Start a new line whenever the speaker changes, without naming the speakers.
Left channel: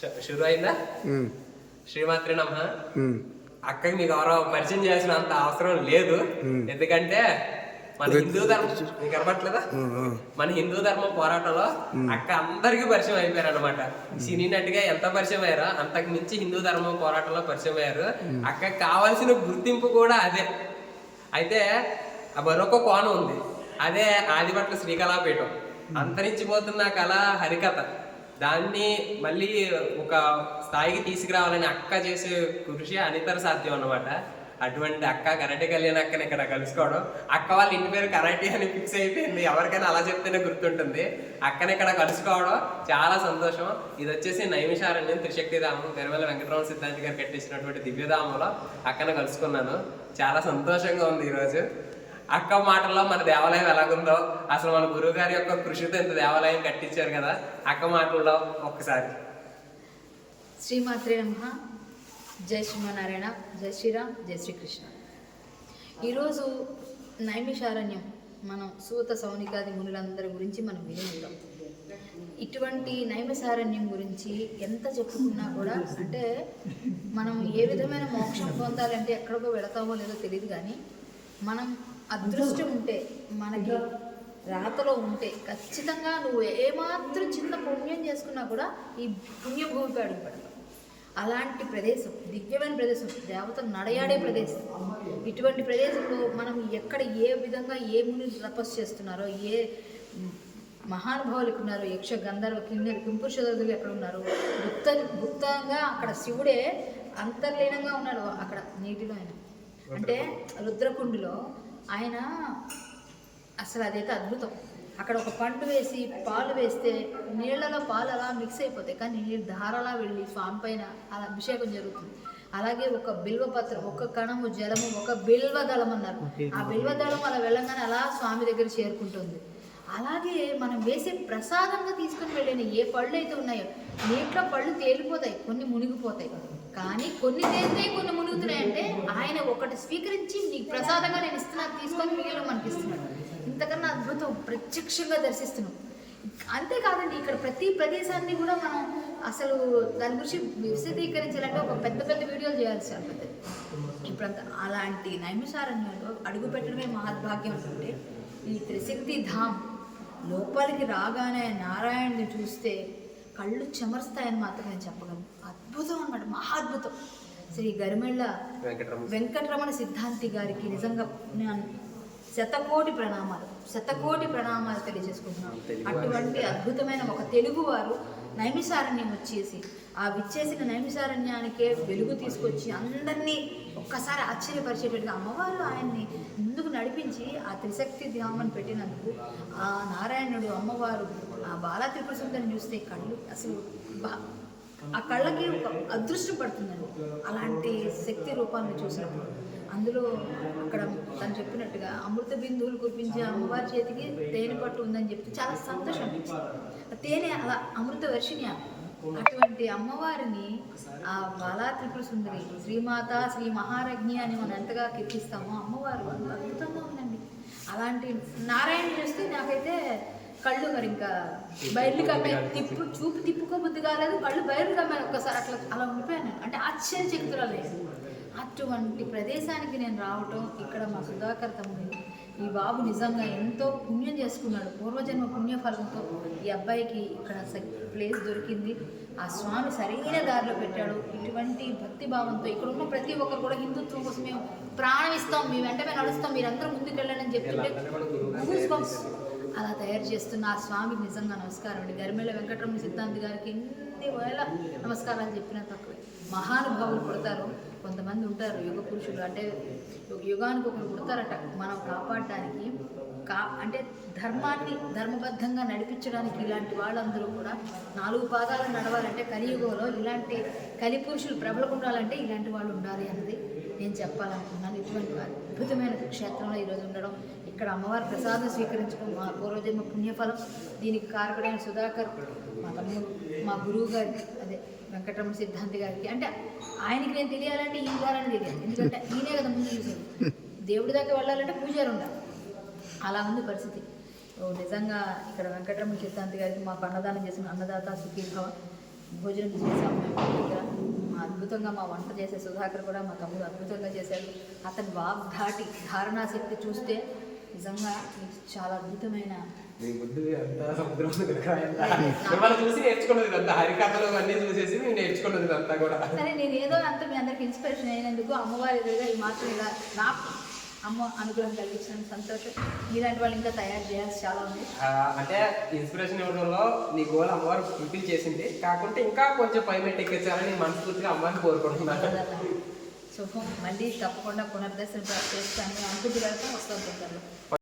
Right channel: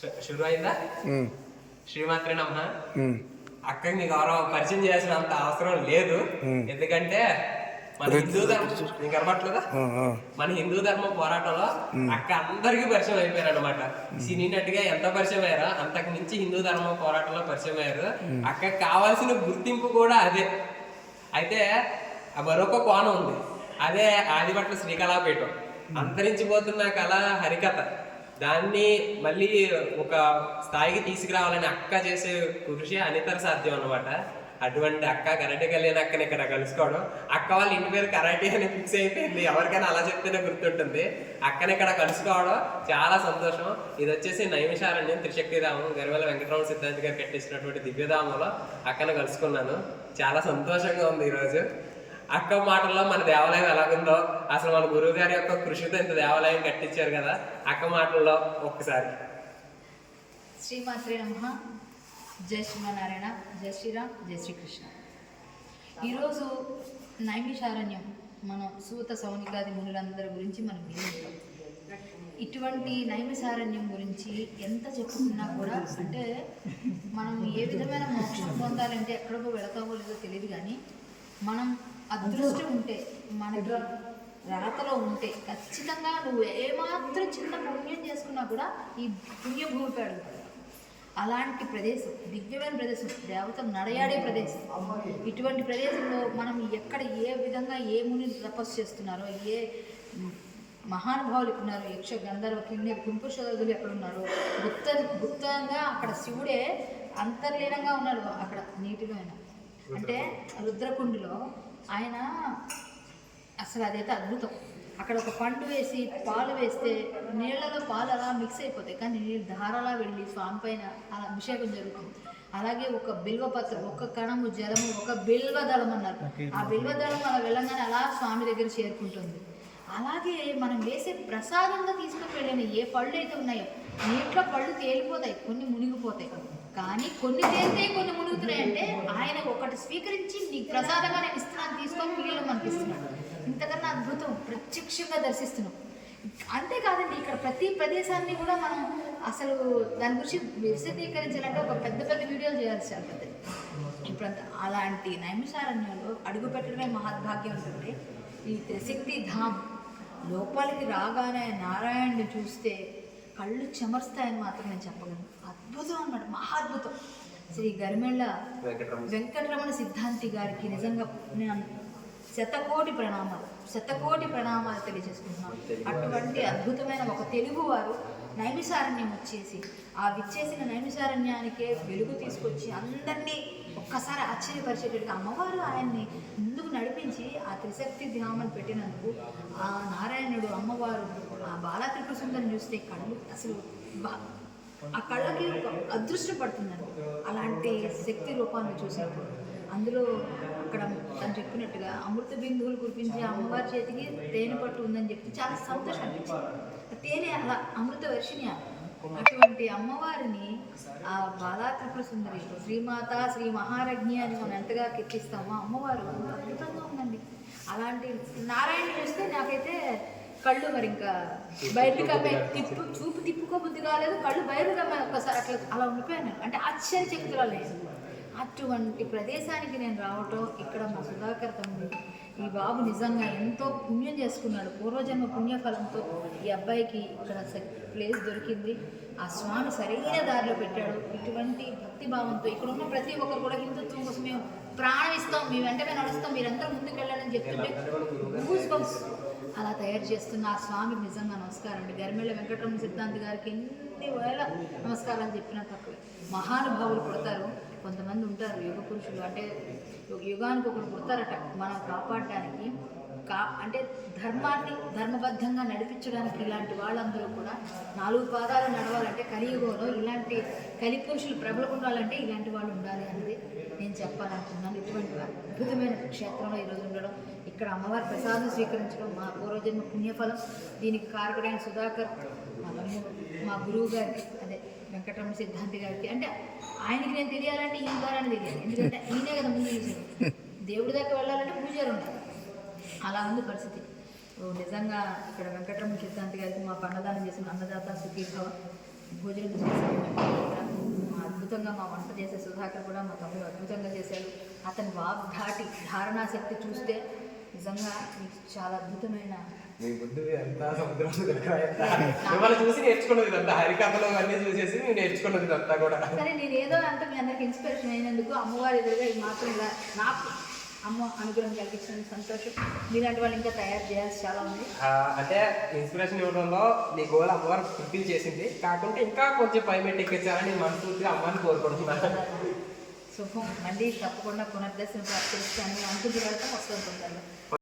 శురు అయిందా శ్రీమాత్రి నమ్మ. అక్కకి మీకు ఎవరో పరిచయం చేయాల్సిన అంత అవసరం లేదు. ఎందుకంటే మన హిందూ ధర్మం నీకు. మన హిందూ ధర్మం పోరాటంలో అక్క అందరికీ పరిచయం అయిపోయారు అనమాట సినీ నటిగా ఎంత పరిచయం అయ్యారో అంతకు మించి హిందూ ధర్మం పోరాటంలో పరిచయం అయ్యారు. అక్క కావాల్సిన గుర్తింపు కూడా అదే. అయితే మరొక కోణం ఉంది. అదే ఆదిపట్ల శ్రీకళాపీఠం. అంతరించిపోతున్న కళ హరికథ. దాన్ని మళ్ళీ ఒక స్థాయికి తీసుకురావాలని అక్క చేసే కృషి అనితర సాధ్యం అన్నమాట. అటువంటి అక్క కరాటే కళ్యాణ్ అక్కని ఇక్కడ కలుసుకోవడం. అక్క వాళ్ళ ఇంటి పేరు కరాటే అని ఫిక్స్ అయిపోయింది. ఎవరికైనా అలా చెప్తేనే గుర్తుంటుంది. అక్కని ఇక్కడ కలుసుకోవడం చాలా సంతోషం. ఇది వచ్చేసి నైమిషారణ్యం త్రిశక్తిధామం. గరివెల వెంకటరమణ సిద్ధాంతి గారు కట్టించినటువంటి దివ్యధామంలో అక్కను కలుసుకున్నాను. చాలా సంతోషంగా ఉంది ఈరోజు. అక్క మాటల్లో మన దేవాలయం ఎలాగుందో. అసలు మన గురువు గారి యొక్క కృషితో ఇంత దేవాలయం కట్టించారు కదా. అక్క మాటల్లో ఒక్కసారి.
శ్రీమాత్రే నమ. జై శ్రీమనారాయణ జై శ్రీరామ్. జై శ్రీకృష్ణ. ఈరోజు నైమిషారణ్యం. మనం సూత సౌనికాది మునులందరి గురించి మనం విని ఇటువంటి నైమిషారణ్యం గురించి ఎంత చెప్పుకున్నా కూడా అంటే మనం ఏ విధమైన మోక్షం పొందాలంటే ఎక్కడికో వెళతామో లేదో తెలియదు కానీ మనం అదృష్టం ఉంటే మనకి రాతలో ఉంటే ఖచ్చితంగా నువ్వు ఏమాత్రం చిన్న పుణ్యం చేసుకున్నా కూడా ఈ పుణ్యభూమికి అడుగుపడాలి అలాంటి ప్రదేశం దివ్యమైన ప్రదేశం దేవతలు నడయాడే ప్రదేశం. ఇటువంటి ప్రదేశంలో మనం ఎక్కడ ఏ విధంగా ఏ ముని తపస్సు చేస్తున్నారో ఏ మహానుభావులు ఉన్నారు యక్ష గంధర్వ కిన్నెర కింపురుషోధులు ఎక్కడ ఉన్నారు గుప్త గుప్తంగా అక్కడ శివుడే అంతర్లీనంగా ఉన్నాడు అక్కడ నీటిలో ఆయన అంటే రుద్రకుండిలో ఆయన అసలు అదైతే అద్భుతం. అక్కడ ఒక పండు వేసి పాలు వేస్తే నీళ్ళలో పాలు అలా మిక్స్ అయిపోతాయి. కానీ నీళ్ళు ధారలా వెళ్ళి స్వామి పైన అలా అభిషేకం జరుగుతుంది. అలాగే ఒక బిల్వపత్రం ఒక కణము జలము ఒక బిల్వ దళం అన్నారు. ఆ బిల్వ దళం అలా వెళ్ళంగానే అలా స్వామి దగ్గర చేరుకుంటుంది. అలాగే మనం వేసే ప్రసాదంగా తీసుకుని వెళ్ళిన ఏ పళ్ళు అయితే ఉన్నాయో నీటిలో పళ్ళు తేలిపోతాయి కొన్ని మునిగిపోతాయి. కొన్ని తేలిపోయి కొన్ని మునుగుతున్నాయి అంటే ఆయన ఒకటి స్వీకరించి నీకు ప్రసాదంగా నేను ఇస్తున్నాను తీసుకొని మిగిలిన మనకి ఇస్తున్నాడు ఇంతకన్నా అద్భుతం ప్రత్యక్షంగా దర్శిస్తున్నాం. అంతేకాదండి ఇక్కడ ప్రతి ప్రదేశాన్ని కూడా మనం అసలు దాని గురించి విశదీకరించాలంటే ఒక పెద్ద పెద్ద వీడియోలు చేయాల్సి ఉంటుంది ఇప్పుడంత అలాంటి నైమిషారణ్యంలో అడుగు పెట్టడమే మహద్భాగ్యం ఉంటుంటే ఈ త్రిశక్తి ధామ్ లోపలికి రాగానే నారాయణ్ని చూస్తే కళ్ళు చెమరుస్తాయని మాత్రం నేను చెప్పగలను. అద్భుతం అన్నమాట మహాద్భుతం. శ్రీ గరిమెళ్ళ
వెంకటరమణ
సిద్ధాంతి గారికి నిజంగా నేను శతకోటి ప్రణామాలు శతకోటి ప్రణామాలు తెలియజేసుకుంటున్నాను. అటువంటి అద్భుతమైన ఒక తెలుగువారు నైమిసారణ్యం వచ్చేసి ఆ విచ్చేసిన నైమిసారణ్యానికే వెలుగు తీసుకొచ్చి అందరినీ ఒక్కసారి ఆశ్చర్యపరిచేటట్టుగా అమ్మవారు ఆయన్ని ముందుకు నడిపించి ఆ త్రిశక్తి ధ్యామని పెట్టినందుకు ఆ నారాయణుడు అమ్మవారు ఆ బాలా త్రిపుర సుందరిని చూస్తే కళ్ళు అసలు బా ఆ కళ్ళకి ఒక అదృష్టం పడుతుందండి. అలాంటి శక్తి రూపాన్ని చూసినప్పుడు. అందులో అక్కడ తను చెప్పినట్టుగా అమృత బిందువులు కురిపించే అమ్మవారి చేతికి తేనె పట్టు ఉందని చెప్పి చాలా సంతోషం అనిపించింది ఆ తేనె అలా అమృత వర్షిణి అటువంటి అమ్మవారిని ఆ బాలా త్రిపుర సుందరి శ్రీమాత శ్రీ మహారజ్ఞి అని మనం ఎంతగా కీర్తిస్తామో అమ్మవారు అంత అద్భుతంగా ఉందండి. అలాంటి నారాయణ చూస్తే నాకైతే కళ్ళు మరి ఇంకా బయటకు కమ్మాయి తిప్పు చూపు తిప్పుకోబుద్ధి కాలేదు. కళ్ళు బయలు కమ్మాయి ఒక్కసారి అట్లా అలా ఉండిపోయాను. అంటే ఆశ్చర్యచకితురాలు లేదు అటువంటి ప్రదేశానికి నేను రావటం ఇక్కడ మా సుధాకర్ తమ్ముడు ఈ బాబు నిజంగా ఎంతో పుణ్యం చేసుకున్నాడు. పూర్వజన్మ పుణ్యఫలంతో ఈ అబ్బాయికి ఇక్కడ ప్లేస్ దొరికింది. ఆ స్వామి సరైన దారిలో పెట్టాడు. ఇటువంటి భక్తి భావంతో ఇక్కడ ఉన్న ప్రతి ఒక్కరు కూడా హిందుత్వం కోసం మేము ప్రాణం ఇస్తాం మీ వెంట మేము నడుస్తాం మీరందరూ ముందుకు వెళ్ళాలని చెప్తుంటే గూస్ బంప్స్ అలా తయారు చేస్తున్న ఆ స్వామికి నిజంగా నమస్కారం అండి. గరిమెళ్ళ వెంకటరమణ సిద్ధాంతి గారికి ఎన్ని వేల నమస్కారాలు చెప్పిన తక్కువే మహానుభావులు పుడతారు. కొంతమంది ఉంటారు యుగ పురుషులు. అంటే యుగానికి ఒకరు పుడతారట. మనం కాపాడడానికి కా అంటే ధర్మాన్ని ధర్మబద్ధంగా నడిపించడానికి ఇలాంటి వాళ్ళందరూ కూడా నాలుగు పాదాలు నడవాలంటే కలియుగంలో ఇలాంటి కలి పురుషులు ప్రబలకుండాలంటే ఇలాంటి వాళ్ళు ఉండాలి అన్నది నేను చెప్పాలనుకున్నాను ఇటువంటి అద్భుతమైన క్షేత్రంలో ఈరోజు ఉండడం ఇక్కడ అమ్మవారి ప్రసాదం స్వీకరించడం మా పూర్వజన్మ పుణ్యఫలం. దీనికి కారకుడైన సుధాకర్ మా తమ్ముడు మా గురువు గారికి అదే వెంకటరమణ సిద్ధాంతి గారికి. అంటే ఆయనకి నేను తెలియాలంటే ఈ ద్వారానే తెలియాలి. ఎందుకంటే ఈయనే కదా ముందు చూసాను దేవుడి దాకా వెళ్ళాలంటే పూజారు ఉండాలి. అలా ఉంది పరిస్థితి. ఓ నిజంగా ఇక్కడ వెంకటరమణ సిద్ధాంతి గారికి మాకు అన్నదానం చేసిన అన్నదాత సుఖీభవ. భోజనం చేసాము మా అద్భుతంగా మా వంట చేసే సుధాకర్ కూడా మా తమ్ముడు అద్భుతంగా చేశాడు. అతని వాగ్ధాటి ధారణాశక్తి చూస్తే నిజంగా చాలా అద్భుతమైన
మీ బుద్ధి ఎంత సముద్రం మిమ్మల్ని చూసి నేర్చుకున్నది ఇదంతా హరికథలు అన్నీ చూసేసి నేర్చుకున్నది ఇదంతా కూడా.
సరే నేను ఏదో అంత మీ అందరికి ఇన్స్పిరేషన్ అయినందుకు అమ్మవారి ఎదురుగా ఈ మాత్రం ఇలా నా అమ్మ అనుగ్రహం కలిగించిన సంతోషం. మీలాంటి వాళ్ళు ఇంకా తయారు చేయాల్సి చాలా ఉంది.
అంటే ఇన్స్పిరేషన్ ఇవ్వడంలో నీ గోల్ అమ్మవారు ఫుల్ఫిల్ చేసింది. కాకుంటే ఇంకా కొంచెం పై మెట్టి ఎక్కించాలని మనస్ఫూర్తిగా అమ్మని కోరుకుంటున్నాను.
శుభం. మళ్ళీ తప్పకుండా పునర్దర్శనం ప్రాప్తిస్తాను అనుకుంటూ వెళ్తాం వస్తుంటాను